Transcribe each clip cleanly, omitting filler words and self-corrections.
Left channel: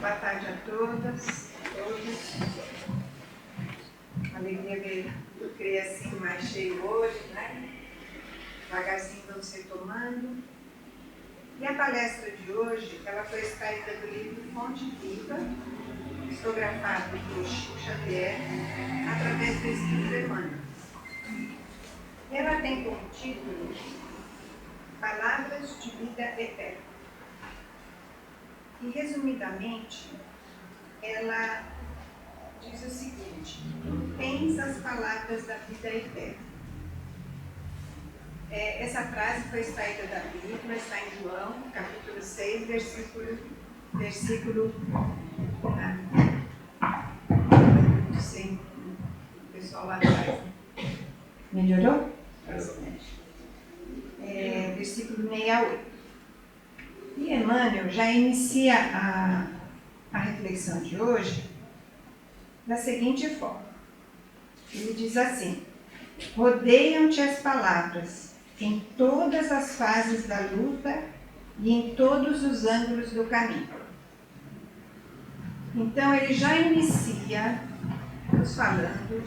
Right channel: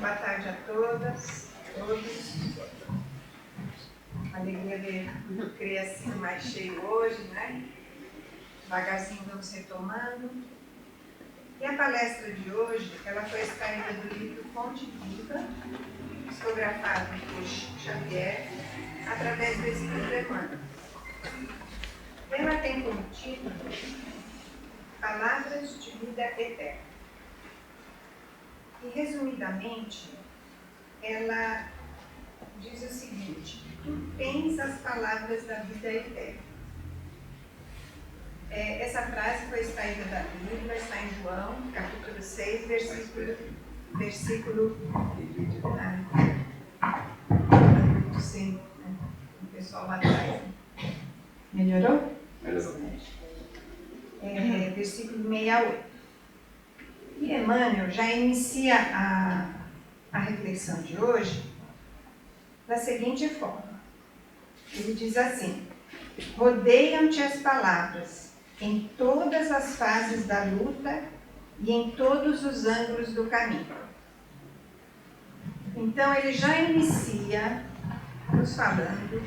Boa tarde a todas, todos. Alegria ver o Criacinho mais cheio hoje, né? Devagarzinho vamos retomando. E a palestra de hoje, ela foi extraída do livro Fonte Viva, psicografado por Chico Xavier, através do Espírito Emmanuel. Ela tem como título Palavras de Vida Eterna. E, resumidamente, ela diz o seguinte: tu tens as palavras da vida eterna. Essa frase foi extraída da Bíblia, está em João, capítulo 6, versículo 100, o pessoal lá atrás. Melhorou? Versículo 68. E Emmanuel já inicia a reflexão de hoje da seguinte forma. Ele diz assim: rodeiam-te as palavras em todas as fases da luta e em todos os ângulos do caminho. Então ele já inicia nos falando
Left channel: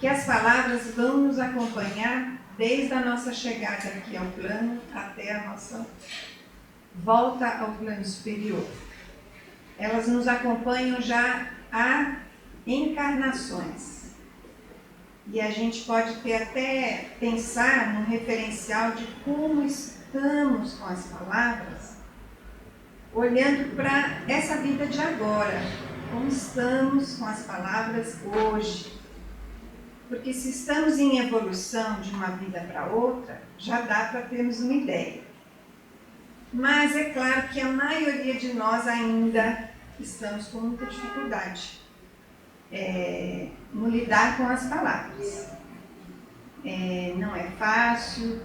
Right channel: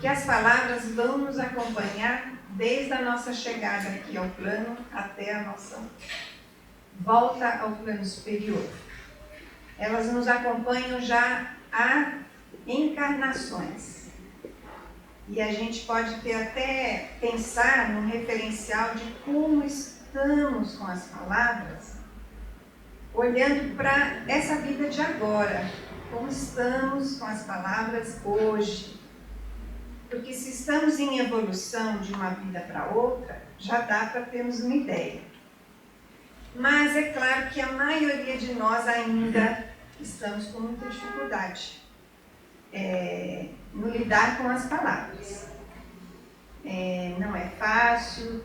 que as palavras vão nos acompanhar desde a nossa chegada aqui ao plano até a nossa volta ao plano superior. Elas nos acompanham já há encarnações. E a gente pode até pensar num referencial de como estamos com as palavras, olhando para essa vida de agora, como estamos com as palavras hoje. Porque se estamos em evolução de uma vida para outra, já dá para termos uma ideia. Mas é claro que a maioria de nós ainda estamos com muita dificuldade no lidar com as palavras. Não é fácil,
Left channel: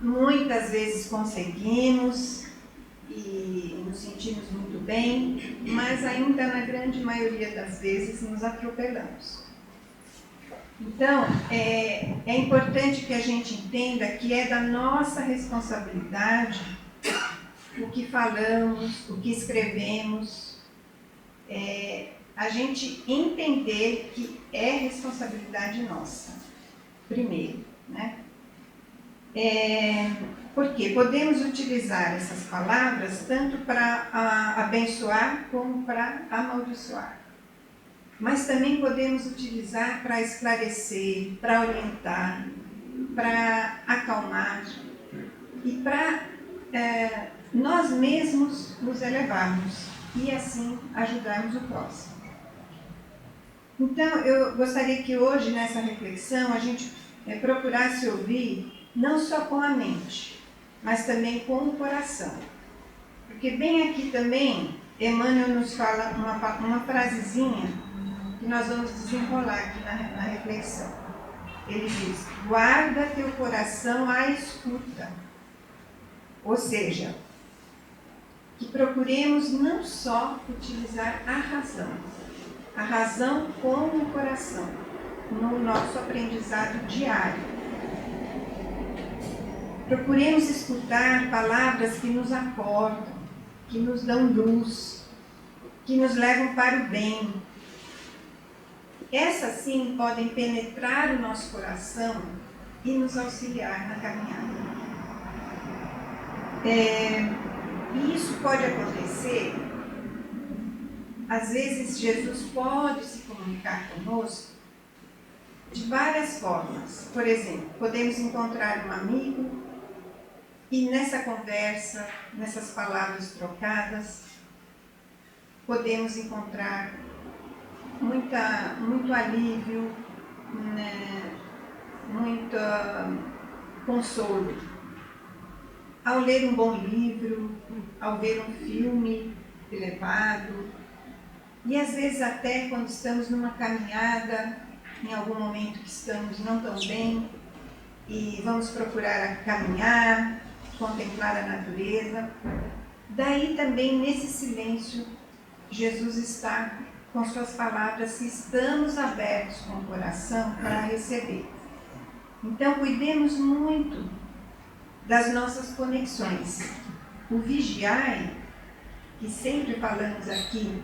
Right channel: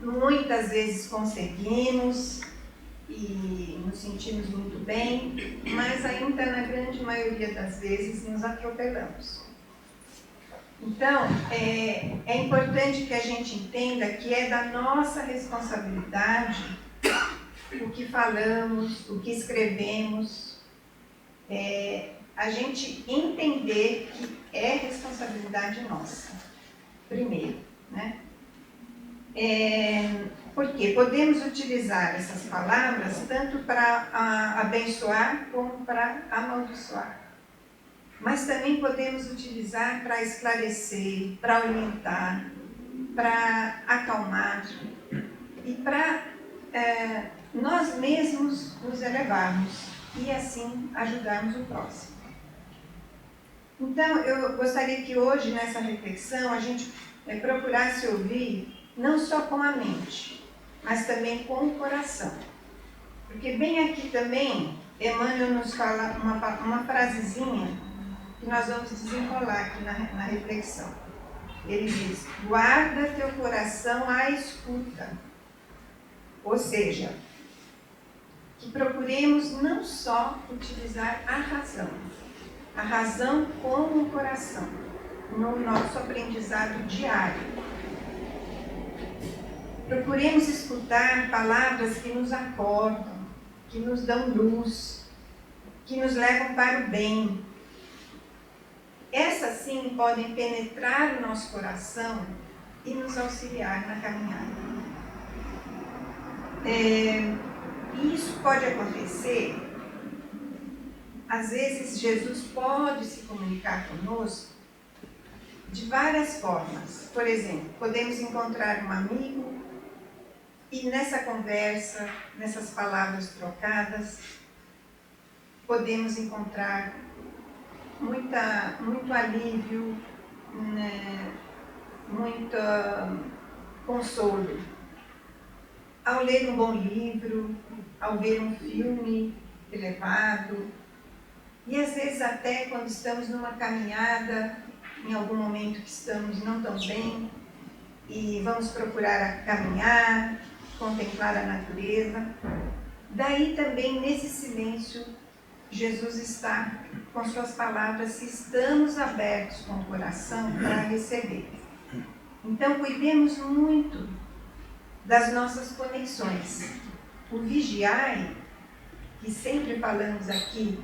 muitas vezes conseguimos e nos sentimos muito bem, mas ainda na grande maioria das vezes nos atropelamos. Então, é importante que a gente entenda que é da nossa responsabilidade o que falamos, o que escrevemos, a gente entender que é responsabilidade nossa, primeiro, né? Porque podemos utilizar essas palavras tanto para abençoar como para amaldiçoar. Mas também podemos utilizar para esclarecer, para orientar, para acalmar e para nós mesmos nos elevarmos e assim ajudarmos o próximo. Então, eu gostaria que hoje, nessa reflexão, a gente procurasse ouvir não só com a mente, mas também com o coração. Porque bem aqui também, Emmanuel nos fala uma frasezinha que nós vamos desenrolar aqui na reflexão. Ele diz: guarda teu coração à escuta. Ou seja, que procuremos não só utilizar a razão como o coração, no nosso aprendizado diário. Procuremos escutar palavras que nos acordam, que nos dão luz, que nos levam para o bem. Essas sim podem penetrar o nosso coração e nos auxiliar na caminhada. E isso pode acontecer, às vezes Jesus pode se comunicar conosco de várias formas. Por exemplo, podemos encontrar um amigo e nessa conversa, nessas palavras trocadas, podemos encontrar muito alívio, né, muito consolo. Ao ler um bom livro, ao ver um filme elevado, e às vezes até quando estamos numa caminhada, em algum momento que estamos não tão bem, e vamos procurar caminhar, contemplar a natureza. Daí também, nesse silêncio, Jesus está com suas palavras, se estamos abertos com o coração para receber. Então, cuidemos muito das nossas conexões. O vigiai que sempre falamos aqui,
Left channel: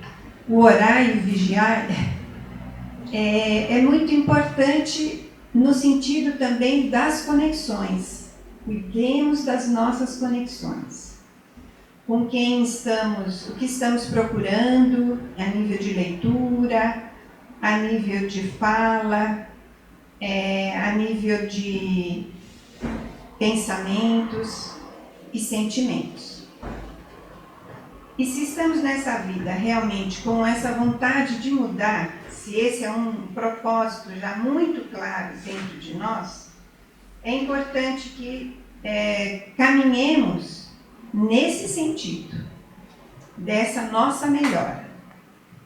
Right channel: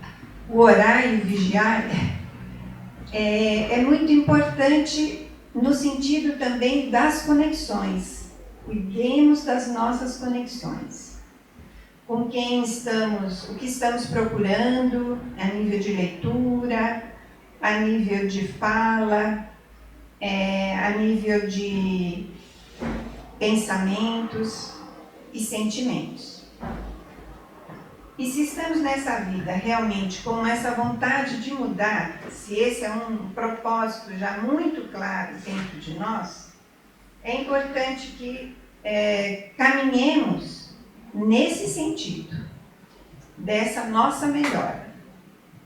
o orar e o vigiar, é muito importante no sentido também das conexões. Cuidemos das nossas conexões. Com quem estamos, o que estamos procurando a nível de leitura, a nível de fala, a nível de pensamentos e sentimentos. E se estamos nessa vida realmente com essa vontade de mudar, se esse é um propósito já muito claro dentro de nós, é importante que caminhemos nesse sentido, dessa nossa melhora,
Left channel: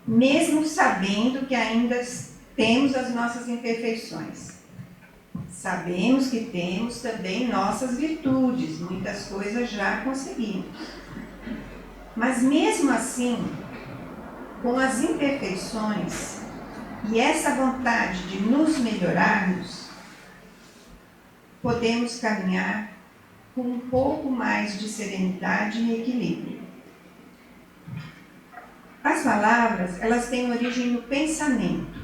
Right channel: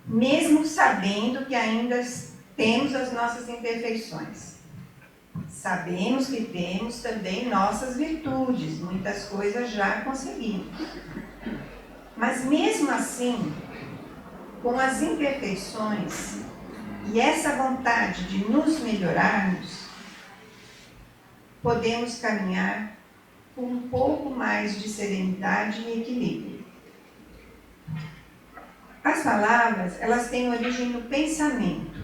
mesmo sabendo que ainda temos as nossas imperfeições. Sabemos que temos também nossas virtudes, muitas coisas já conseguimos. Mas mesmo assim, com as imperfeições e essa vontade de nos melhorarmos, podemos caminhar com um pouco mais de serenidade e equilíbrio. As palavras, elas têm origem no pensamento,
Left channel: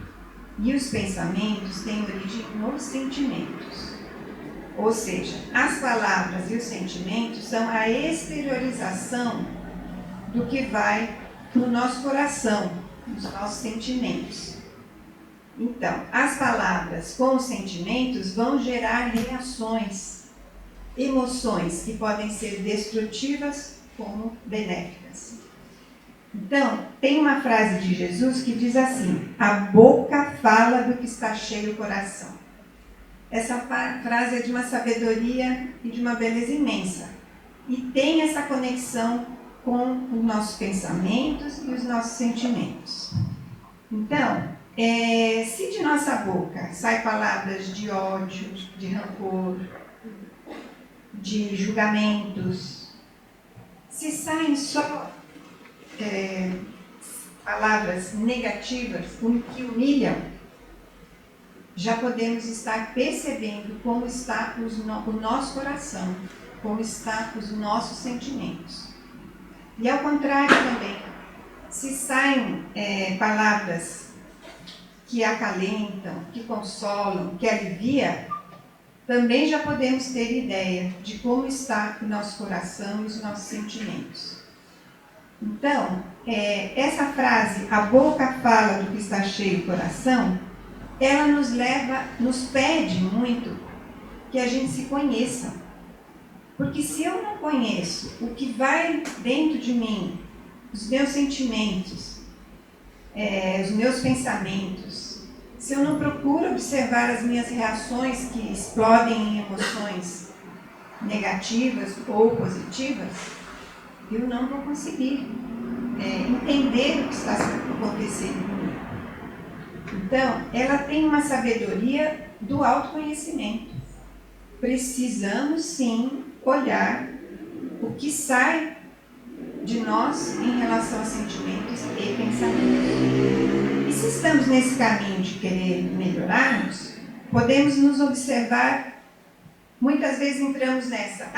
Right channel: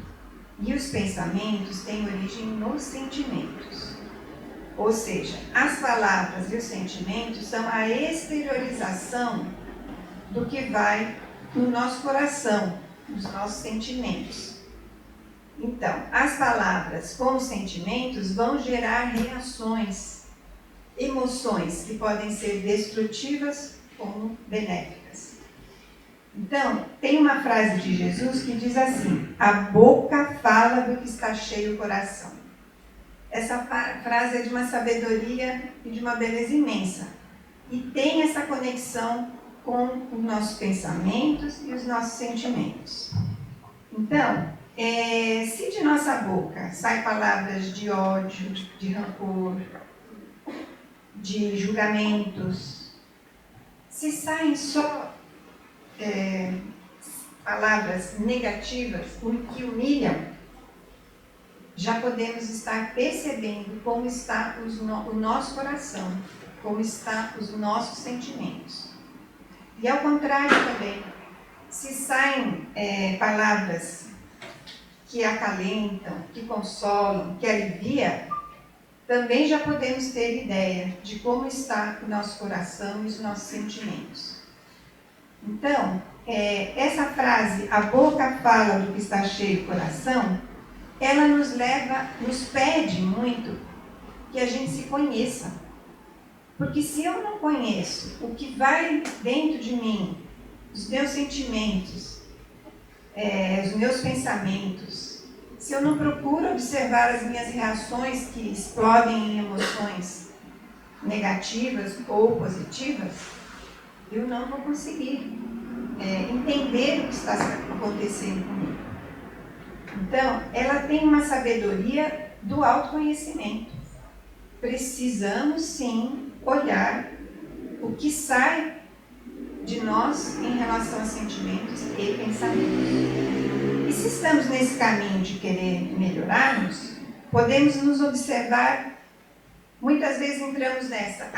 e os pensamentos têm origem nos sentimentos. Ou seja, as palavras e os sentimentos são a exteriorização do que vai no nosso coração, nos nossos sentimentos. Então, as palavras com os sentimentos vão gerar reações, emoções que podem ser destrutivas como benéficas. Então, tem uma frase de Jesus que diz assim: a boca fala do que está cheio o coração. Essa frase é de uma sabedoria e de uma beleza imensa. E tem essa conexão com os nossos pensamentos e os nossos sentimentos. Então, se de nossa boca saem palavras de ódio, de rancor, de julgamentos, se saem só palavras negativas, que humilham, já podemos estar percebendo como está o nosso coração, como está os nossos sentimentos. E ao contrário também, se saem palavras que acalentam, que consolam, que aliviam, também já podemos ter ideia de como está o nosso coração e os nossos sentimentos. Então, essa frase, a boca fala do que está cheio o coração, ela nos pede muito que a gente se conheça. Porque se eu não conheço o que vai dentro de mim, os meus sentimentos, os meus pensamentos, se eu não procuro observar as minhas reações que explodem em emoções negativas ou positivas, eu não vou conseguir entender o que está acontecendo comigo. Então, ela tem uma sabedoria do autoconhecimento. Precisamos, sim, olhar o que sai de nós em relação a sentimentos e pensamentos. E se estamos nesse caminho de querer melhorarmos, podemos nos observar. Muitas vezes entramos nessa,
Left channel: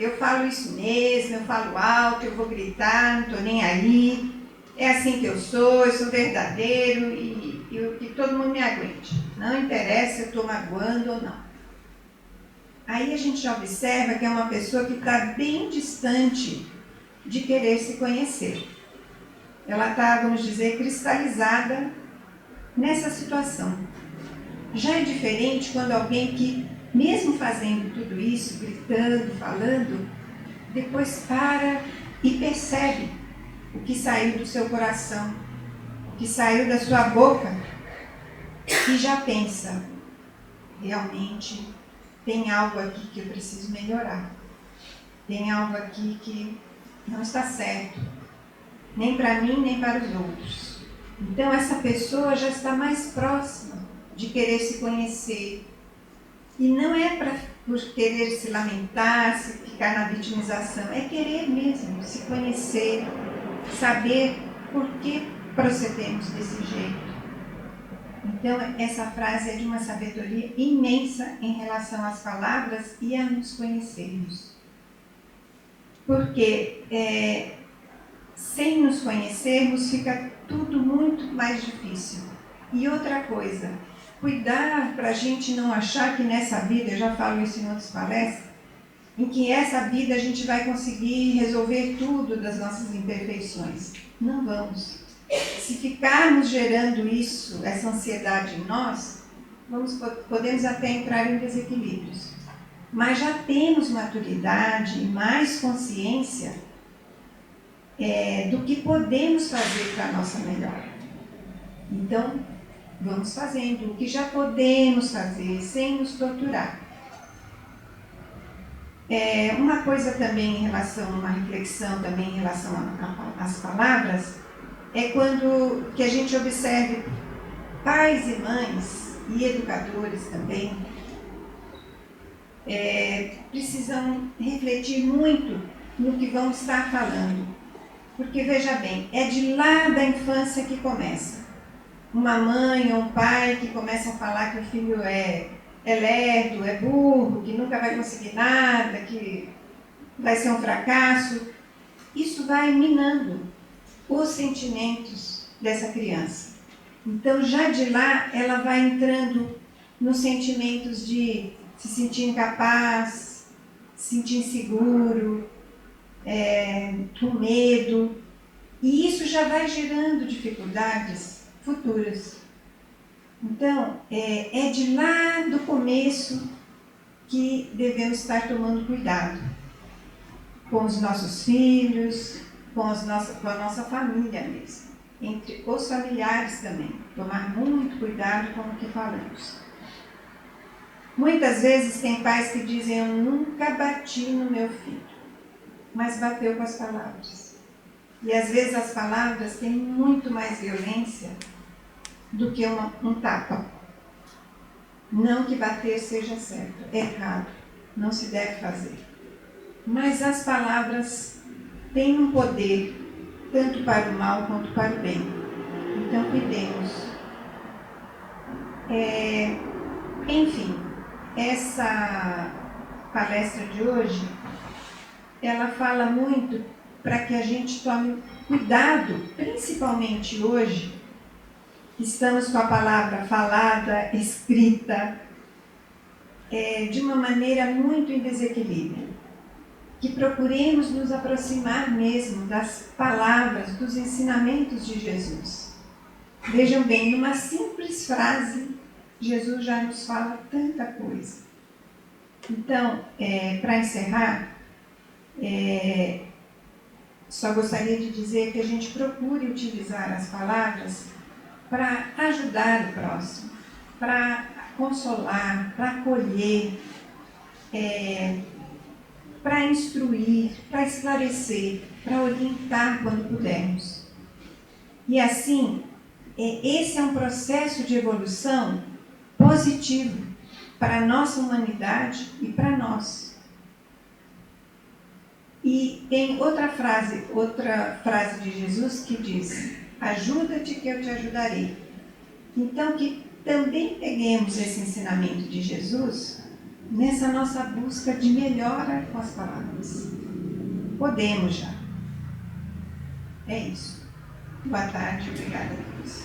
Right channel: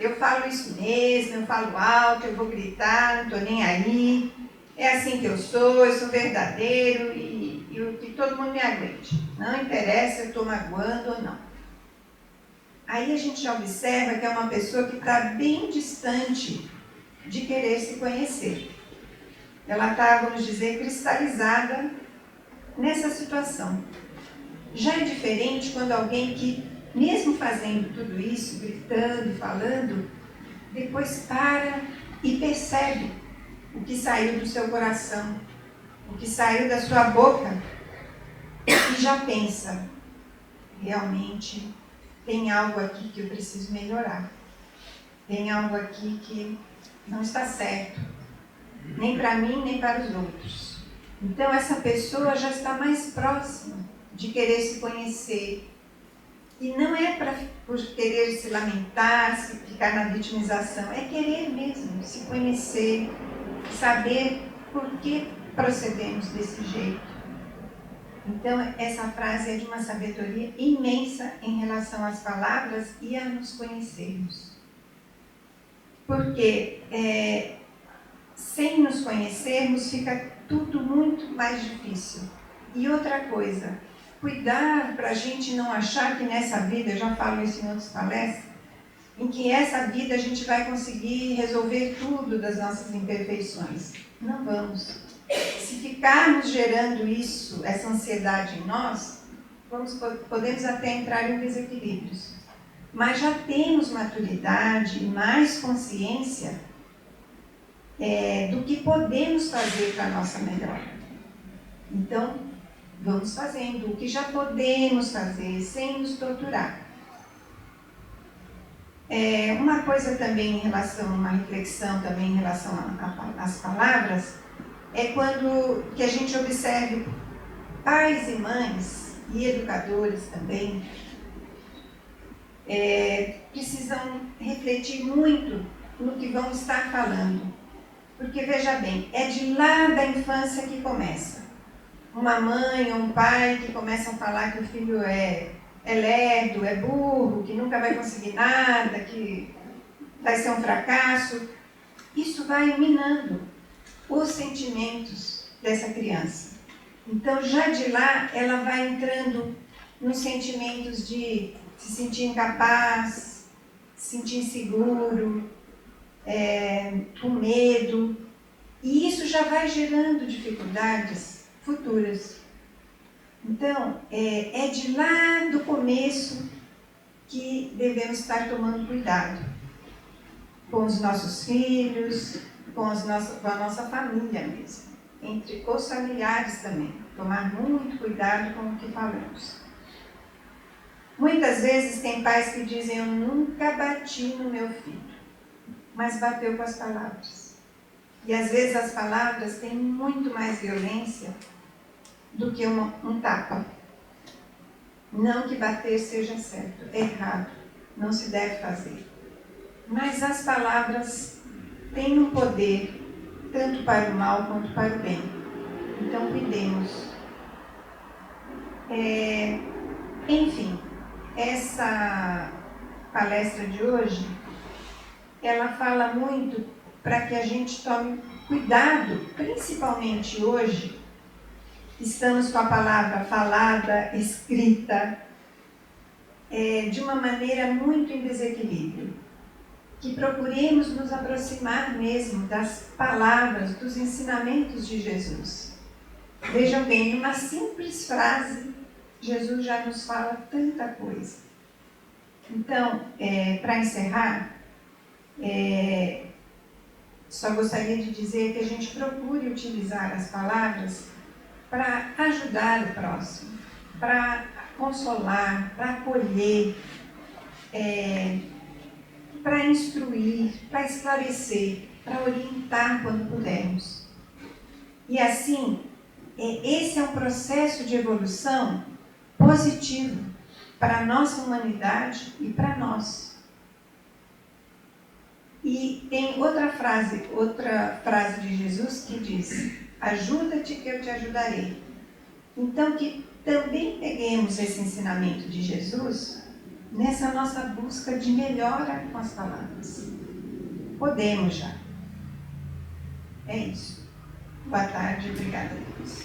eu falo isso mesmo, eu falo alto, eu vou gritar, não estou nem aí, é assim que eu sou verdadeiro e o que todo mundo me aguente. Não interessa se eu estou magoando ou não. Aí a gente já observa que é uma pessoa que está bem distante de querer se conhecer. Ela está, vamos dizer, cristalizada nessa situação. Já é diferente quando alguém que, mesmo fazendo tudo isso, gritando, falando, depois para e percebe o que saiu do seu coração, o que saiu da sua boca, e já pensa, realmente tem algo aqui que eu preciso melhorar. Tem algo aqui que não está certo, nem para mim, nem para os outros. Então essa pessoa já está mais próxima de querer se conhecer. E não é por querer se lamentar, se ficar na vitimização, é querer mesmo se conhecer, saber por que procedemos desse jeito. Então, essa frase é de uma sabedoria imensa em relação às palavras e a nos conhecermos. Porque sem nos conhecermos, fica tudo muito mais difícil. E outra coisa, cuidar para a gente não achar que nessa vida, eu já falo isso em outras palestras, em que essa vida a gente vai conseguir resolver tudo das nossas imperfeições. Não vamos. Se ficarmos gerando isso, essa ansiedade em nós, podemos até entrar em desequilíbrios. Mas já temos maturidade e mais consciência do que podemos fazer para a nossa melhora. Então, vamos fazendo o que já podemos fazer, sem nos torturar. Uma coisa também em relação, uma reflexão também em relação às palavras, é quando que a gente observe pais e mães, e educadores também, precisam refletir muito no que vão estar falando. Porque, veja bem, é de lá da infância que começa. Uma mãe ou um pai que começa a falar que o filho é lerdo, é burro, que nunca vai conseguir nada, que vai ser um fracasso. Isso vai minando os sentimentos dessa criança. Então, já de lá, ela vai entrando nos sentimentos de se sentir incapaz, se sentir inseguro, com medo. E isso já vai gerando dificuldades futuras. Então, é de lá do começo que devemos estar tomando cuidado com os nossos filhos, com a nossa família mesmo, entre os familiares também. Tomar muito cuidado com o que falamos. Muitas vezes tem pais que dizem: eu nunca bati no meu filho, mas bateu com as palavras. E às vezes as palavras têm muito mais violência do que um tapa. Não que bater seja certo, é errado, não se deve fazer. Mas as palavras têm um poder, tanto para o mal quanto para o bem. Então cuidemos. Enfim, essa palestra de hoje, ela fala muito para que a gente tome cuidado, principalmente hoje. Estamos com a palavra falada, escrita, de uma maneira muito em desequilíbrio. Que procuremos nos aproximar mesmo das palavras, dos ensinamentos de Jesus. Vejam bem, numa simples frase, Jesus já nos fala tanta coisa. Então, para encerrar, só gostaria de dizer que a gente procure utilizar as palavras para ajudar o próximo, para consolar, para acolher, para instruir, para esclarecer, para orientar quando pudermos. E assim, esse é um processo de evolução positivo para a nossa humanidade e para nós. E tem outra frase de Jesus que diz: ajuda-te que eu te ajudarei. Então, que também peguemos esse ensinamento de Jesus nessa nossa busca de melhora com as palavras. Podemos já. É isso. Boa tarde, obrigada a todos.